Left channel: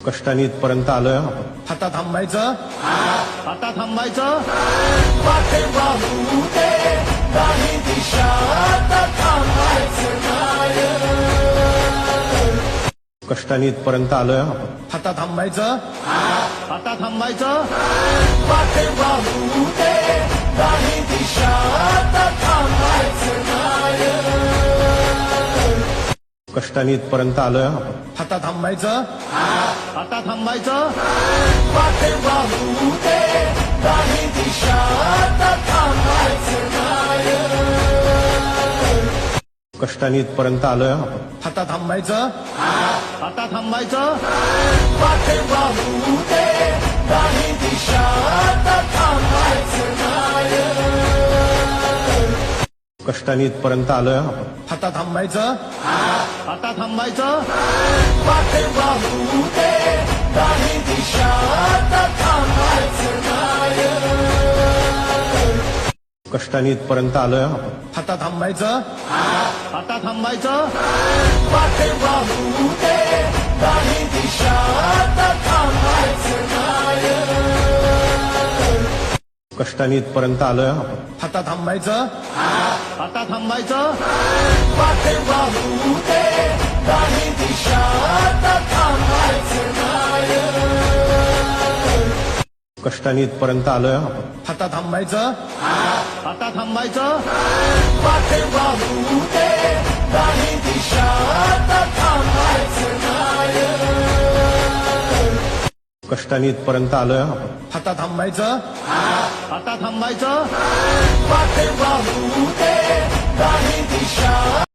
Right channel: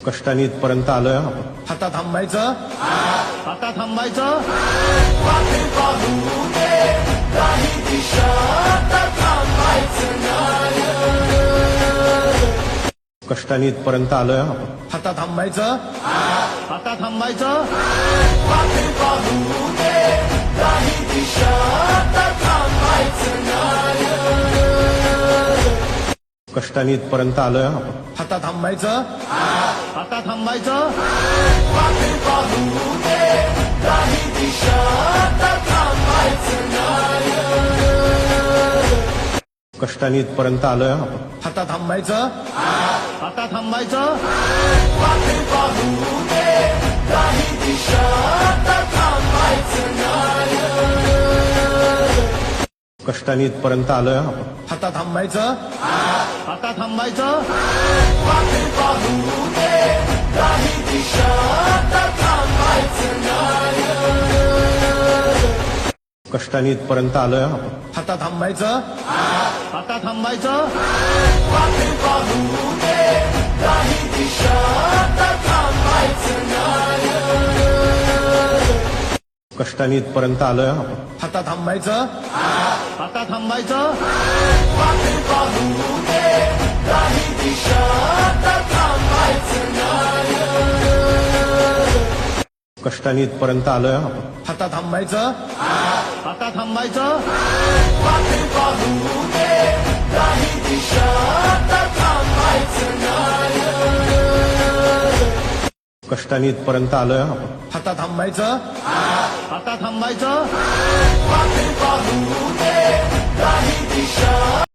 कष्टाने इथपर्यंत आलोय आपण. आता थांबायचं आता थांबायचं कष्टाने इथपर्यंत आलोय आपण. आता थांबायचं आता थांबायचं कष्टाने इथपर्यंत आलोय आपण. आता थांबायचं आता थांबायचं कष्टाने इथपर्यंत आलोय आपण. आता थांबायचं आता थांबायचं कष्टाने इथपर्यंत आलोय आपण. आता थांबायचं आता थांबायचं कष्टाने इथपर्यंत आलोय आपण. आता थांबायचं आता थांबायचं कष्टाने इथपर्यंत आलोय आपण. आता थांबायचं आता थांबायचं कष्टाने इथपर्यंत आलोय आपण. आता थांबायचं आता थांबायचं कष्टाने इथपर्यंत आलोय आपण. आता थांबायचं आता थांबायचं